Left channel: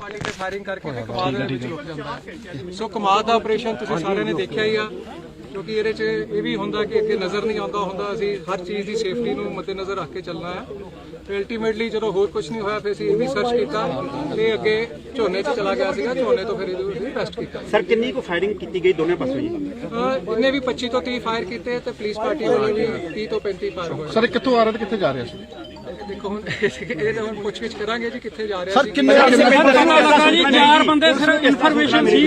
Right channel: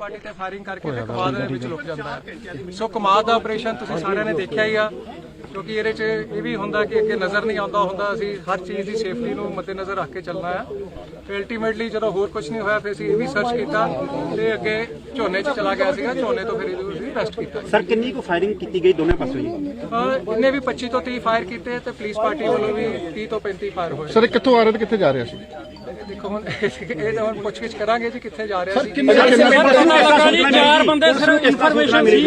Party ਤੇ firing ਕਰਕੇ ਫਿਰ ਕਮਾਦ ਦੇ ਵਿੱਚ ਲੁਕ ਜਾਂਦਾ। ਹੈ ਸੋ ਕਮਾਦ ਦਾ ਆਪਰੇਸ਼ਨ ਤੁਸੀਂ ਸਾਰਿਆਂ ਨੇ ਦੇਖਿਆ ਹੀ ਆ ਕਿਉਂਕਿ ਇਹਦੇ 'ਚ ਇਹ ਵੀ ਹੁੰਦਾ ਕਿ ਅੱਗੇ ਨਜ਼ਰ ਨਹੀਂ ਆਉਂਦਾ ਹੁੰਦਾ ਅਸੀਂ ਹਰ ਚੀਜ਼ ਦੀ ਸੇਫਟੀ ਨੂੰ ਮੱਦੇਨਜ਼ਰ ਰੱਖ ਕੇ ਚੱਲਣਾ ਆ। ਤੇ ਅਲਟੀਮੇਟਲੀ ਜਦੋਂ ਹੋਰ ਕੁਝ ਨਹੀਂ ਹੋਇਆ ਫਿਰ ਅਸੀਂ ਇਹ ਵੀ ਸਰਚ ਕੀਤਾ ਤੇ ਅੱਗੇ ਝੋਨੇ 'ਚ ਚਲਾ ਗਿਆ ਸੀਗਾ ਝੋਨੇ ਤੋਂ ਫਿਰ ਇਹਨੂੰ ਅਸੀਂ ਅਰੈਸਟ ਕੀਤਾ। ਸਰ ਕਿੰਨੀ ਕੁ ਫਾਇਰਿੰਗ ਕੀਤੀ ਗਈ ਦੋਨੇ ਪਾਸੋਂ ਜੀ? ਇਹਨੇ ਵੀ 25 ਤੋਂ 30 ਫਾਇਰ ਕੀਤੇ ਤੇ ਪੁਲਿਸ ਪਾਰਟੀ ਵੱਲੋਂ ਵੀ 30 ਤੋਂ 35 ਫਾਇਰ ਹੋਏ। ਸਰ ਕਿੱਥੋਂ ਆ ਰਿਹਾ ਤੇ ਕਿੱਥੇ ਜਾ ਰਿਹਾ ਸੀ ਦੇਖੋ ਹੁਣ ਇਹ ਤਾਂ ਹੁਣ ਪੁੱਛਗਿੱਛ ਕਰਾਂਗੇ ਜੀ ਕਿੱਥੇ ਜਾ ਰਿਹਾ ਸੀ ਕਿੰਨੇ ਕਿੰਨੇ ਲੱਗਾ ਜੀ? ਚਾਰ ਬੰਦੇ ਸਿਰਫ ਇਨਫੋਰਮੇਸ਼ਨ ਸੀ?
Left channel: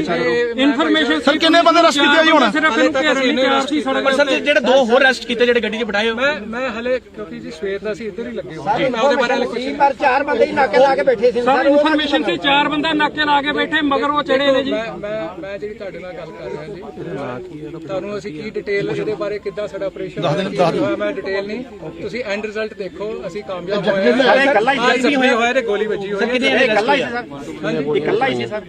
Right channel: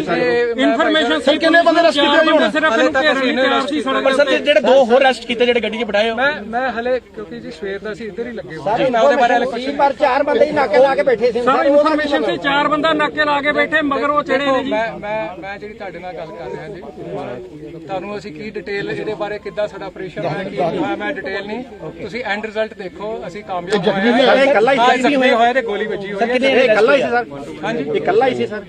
ਇਨਫੋਰਮੇਸ਼ਨ ਸਰ ਕਿੰਨੇ ਬੰਦੇ ਰਸ ਕੀਤੇ ਜੀ ਹੁਣ? ਹਲੇ ਤੱਕ ਅਸੀਂ ਇਹਨੂੰ ਅਰੈਸਟ ਕੀਤਾ ਸਰ ਜਿਹੜੇ ਦੋ ਹੋਰ ਅਰੈਸਟ ਕੀਤੇ ਜਿਹੜੇ ਗੱਡੀ 'ਚ ਬਿਠਾਏ ਮੈਂ ਮੈਂ ਹਲੇ ਕਿਉਂਕਿ ਜੀ ਸਵੇਰ ਦਾ ਅਸੀਂ ਇੱਧਰ ਹੀ ਲੱਗੇ ਹੋਏ ਹਾਂ ਮੈਂ ਉਹਦੇ ਬਾਰੇ ਹਲੇ ਕੁਝ ਨਹੀਂ। ਪਰ ਚਾਰ ਬੰਦੇ ਹੀ ਨਾਕੇ ਲਾ ਕੇ ਬੈਠੇ ਸੀ। ਸਰ ਇਨਫੋਰਮੇਸ਼ਨ ਸੀ ਚਾਰ ਬੰਦਾ ਨਾਕੇ ਲਾ ਕੇ ਬੈਠੇ ਮਗਰ ਉਹ ਚੜੇ ਦੇਖੋ ਨੇ ਜੀ। ਮੈਂ ਮੈਂ ਮੈਂ ਜਿਹੜੀ ਤੁਹਾਡੇ ਨਾਲ ਗੱਲ ਕਰ ਰਿਹਾ ਜੀ ਤੁਹਾਨੂੰ ਅਸੀਂ ਕੀ ਡਿਟੇਲ ਇਹਦੇ ਬਾਰੇ ਕਿੱਦਾਂ ਸਾਡਾ ਆਪਰੇਸ਼ਨ ਹੋਇਆ ਮੈਂ ਡਿਟੇਲ ਨਹੀਂ। ਤੁਸੀਂ ਐਂਡ ਰਿਜ਼ਲਟ ਦੇਖੋ ਅਸੀਂ ਕਾਮਯਾਬ ਹੋਏ ਹਾਂ ਇਹ ਇਕੱਲਾ ਹੀ ਹਾਂ, ਜ਼ਖਮੀ ਹੋਇਆ ਤੇ ਗੋਲੀ ਵੱਜੀ ਹੋਈ ਹੈ। ਇਹ ਇਕੱਲਾ ਹੀ ਸੀ ਸਰ। ਹਾਂਜੀ। ਇਕੱਲਾ ਹੀ ਸੀ ਸਰ।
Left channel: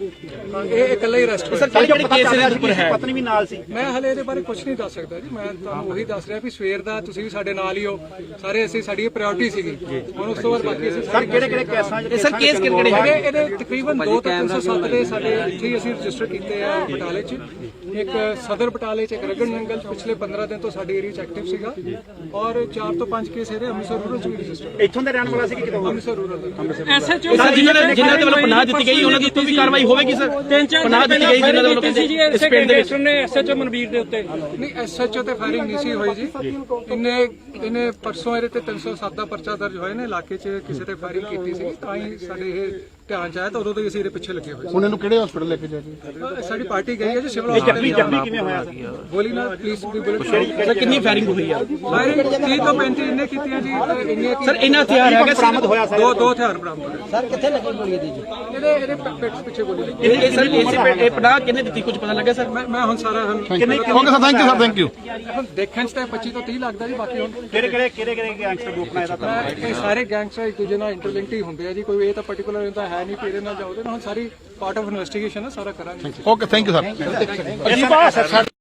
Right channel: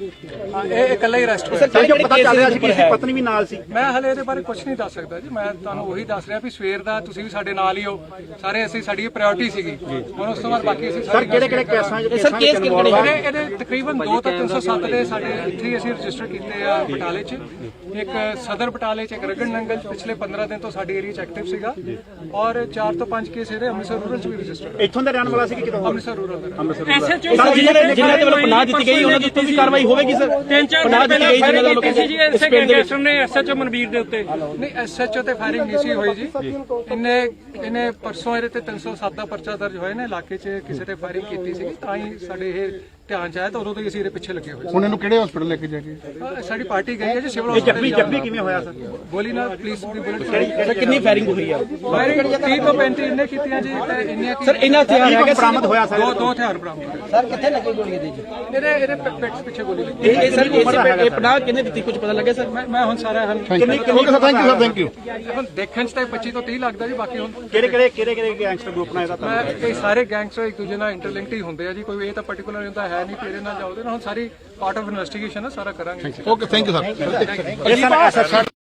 ਹਾਂ, ਇਹ ਇਕੱਲਾ ਹੀ ਅਰੈਸਟ ਹੋਇਆ। ਸਰ ਜਿਹੜੇ ਕੇਸ ਦੇ ਉੱਪਰ ਹੈ? ਪਤਨੀ ਵੀ ਨਾਲ ਸੀ? ਮੈਂ ਹਲੇ ਇਹਦੇ ਬਾਰੇ ਕੁਝ ਨਹੀਂ ਦੱਸ ਸਕਦਾ ਜੀ। ਮੈਂ ਤੁਹਾਨੂੰ ਉਹੀ ਦੱਸ ਰਿਹਾ ਵੀ ਸਵੇਰ ਦਾ ਤੁਸੀਂ ਵੀ ਸਾਡੇ ਨਾਲ ਹੀ ਹੋ। ਸਾਰੇ ਅਸੀਂ ਸਾਡੀ ਪ੍ਰਾਇੋਰਟੀ ਸੀਗੀ। ਹੁਣ ਉਸ ਤੋਂ ਬਾਅਦ ਬਾਕੀ ਅਸੀਂ ਸਾਰੇ ਕਿਹੜੇ ਕਿਹੜੇ ਕੇਸਾਂ 'ਚ ਸਰ ਕੇਸ ਕਿਹੜੇ ਇਹਦੇ ਇਹਦੇ ਤਕਰੀਬਨ 2 ਤੋਂ 307 ਦੇ ਸਾਡੇ ਇੱਥੇ ਅਸੀਂ ਰਜਿਸਟਰ ਕੀਤੇ ਆ ਬਟਾਲੇ 'ਚ। ਇੱਕ ਸਦਰ ਬਟਾਲੇ 'ਚ ਇੱਕ ਰਗੜ ਨੰਗਲ। ਪਿਛਲੇ 15 ਦਿਨ ਤੋਂ ਸਾਡੀ ਏਰੀਆ 'ਚ ਐਕਟਿਵ ਸੀਗਾ। ਔਰ 4 ਤੋਂ 5 ਕੇਸ ਇਹਦੇ ਅੰਮ੍ਰਿਤਸਰ ਰੂਰਲ 'ਚ ਵੀ ਰਜਿਸਟਰ ਇੱਥੋਂ ਦੇ ਰਹਿਣ ਵਾਲਾ ਸੀ ਕਿ ਕਿਤੋਂ? ਅੰਮ੍ਰਿਤਸਰ ਰੂਰਲ ਦਾ ਐਸਐਚਓ ਜਿਨ੍ਹਾਂ ਦੇ ਜਿਨ੍ਹਾਂ ਦੇ ਵੱਲੋਂ ਪਨਾਹ ਦਿੱਤੀ ਗਈ ਉਹਨਾਂ ਦੇ ਉੱਤੇ ਵੀ ਕਾਰਵਾਈ ਹੋਵੇਗੀ ਸਰ? ਤਿੰਨ ਚਾਰ ਪਨਾਹ ਦਿੱਤੀ ਗਈ ਜਿਨ੍ਹਾਂ ਦੇ ਵੱਲੋਂ ਕਹਿੰਦੇ ਇਸੇ ਗੈਂਗਸਟਰ ਨੇ ਐਸਐਚਓ ਮਨਵੀਰ ਦੇ ਉੱਤੇ। ਨਹੀਂ ਐਸਐਚਓ ਤੇ ਫਾਇਰਿੰਗ ਨਹੀਂ ਸੀ ਹੋਈ ਜੀ। ਇਹਨੇ ਇਹਨੇ ਪਰਸੋਂ ਇਹਦੇ ਤੇ 307 ਦਾ ਪਰਚਾ ਦਰਜ ਹੋਏ ਨੇ ਇਲਾਕੇ 'ਚ ਕਿਸੇ ਤੇ ਫਾਇਰਿੰਗ ਕੀਤੀ ਸੀ ਤਾਂ ਹੀ ਸਾਡੇ ਇਹ ਧਿਆਨ 'ਚ ਆਇਆ ਤਾਂ ਉਦੋਂ ਤੋਂ ਹੀ ਅਸੀਂ ਇਹਦੇ ਪਿੱਛੇ ਲੱਗੇ ਹੋਏ ਹੁਣ ਇਹਨੂੰ ਕਿਹੜੇ ਹਸਪੀਟਲ ਲੈ ਕੇ ਜਾ ਕੇ? ਸੀ ਅਹ ਸਾਡੀ ਪਾਰਟੀ ਗਈ ਹੈ ਜੀ ਸਿਵਲ ਹਸਪੀਟਲ ਜੱਬੀ ਕਿਵੇਂ ਹੋਇਆ? ਸਰ ਗੋਲੀ ਨਾਲ ਪੁਲਿਸ ਦੀ ਬੁਲਟ ਕਿੰਨੀ ਫਾਇਰਿੰਗ ਹੋਈ ਆ? ਫਾਇਰਿੰਗ 30 ਤੋਂ 35 ਇਹਨੇ ਕੀਤੀਆਂ ਜੀ ਤੇ ਇੰਨੀਆਂ ਕੀ ਸਰ ਇਹਨਾਂ ਹਥਿਆਰ ਹੈਗੇ ਬਰਾਮਦ ਹੋਇਆ ਸਰ। ਦੋ ਦੋ ਹਥਿਆਰ ਬਰਾਮਦ ਹੋਏ। ਸਰ ਕਿੱਥੇ ਲੱਗੀ ਗੋਲੀ ਇਹਦੇ ਜੀ? ਇਹਦੇ ਇਹਦੇ ਪਿ- ਪਿੱਠ ਪਿੱਛੇ ਗੋਲੀ ਲੱਗੀ। ਇਹ ਇਹ ਸਰ ਇਹ ਪਨਾਹ ਕਿੰਨੇ ਦਿੱਤੀ ਕੁਝ ਪਤਾ ਲੱਗਾ ਸਰ? ਮੈਂ ਮੈਂ ਹੁਣ ਸਾਰਾ ਹੁਣ okay sir thank you sir thank you ਹੁਣ ਦੇਖਣ 'ਚ ਤਾਂ 25 ਤੋਂ 30 ਲੱਗਦਾ ਜੀ ਬਾਕੀ ਹੁਣ ਕਿਹੜੇ ਕਿਹੜੇ ਕਿਹੜੇ ਕਿਹੜੇ ਗੈਂਗਸਟਰ ਗਰੁੱਪ ਨਾਲ ਇਹਦਾ ਮੈਂ ਇਹ ਸਾਰੇ ਗੈਂਗਸਟਰ ਇੱਕ ਦੂਜੇ ਨਾਲ ਇੰਟਰਲਿੰਕਡ ਹੀ ਹੁੰਦੇ ਆ ਜੀ ਕੋਈ ਇਹ ਤਾਂ ਪਾਰਟਿਕੂਲਰ ਹੁੰਦਾ ਹੈ ਨਹੀਂ ਕਿ ਇਹਦੇ ਨਾਲ ਜਾਓ ਉਹਦੇ ਨਾਲ ਹੁਣ ਸਾਰੀ ਪਾਰਟ ਆਫ ਇਨਵੈਸਟੀਗੇਸ਼ਨ ਹੈ ਸਾਰਾ ਕਰਾਂਗੇ। Okay thank you sir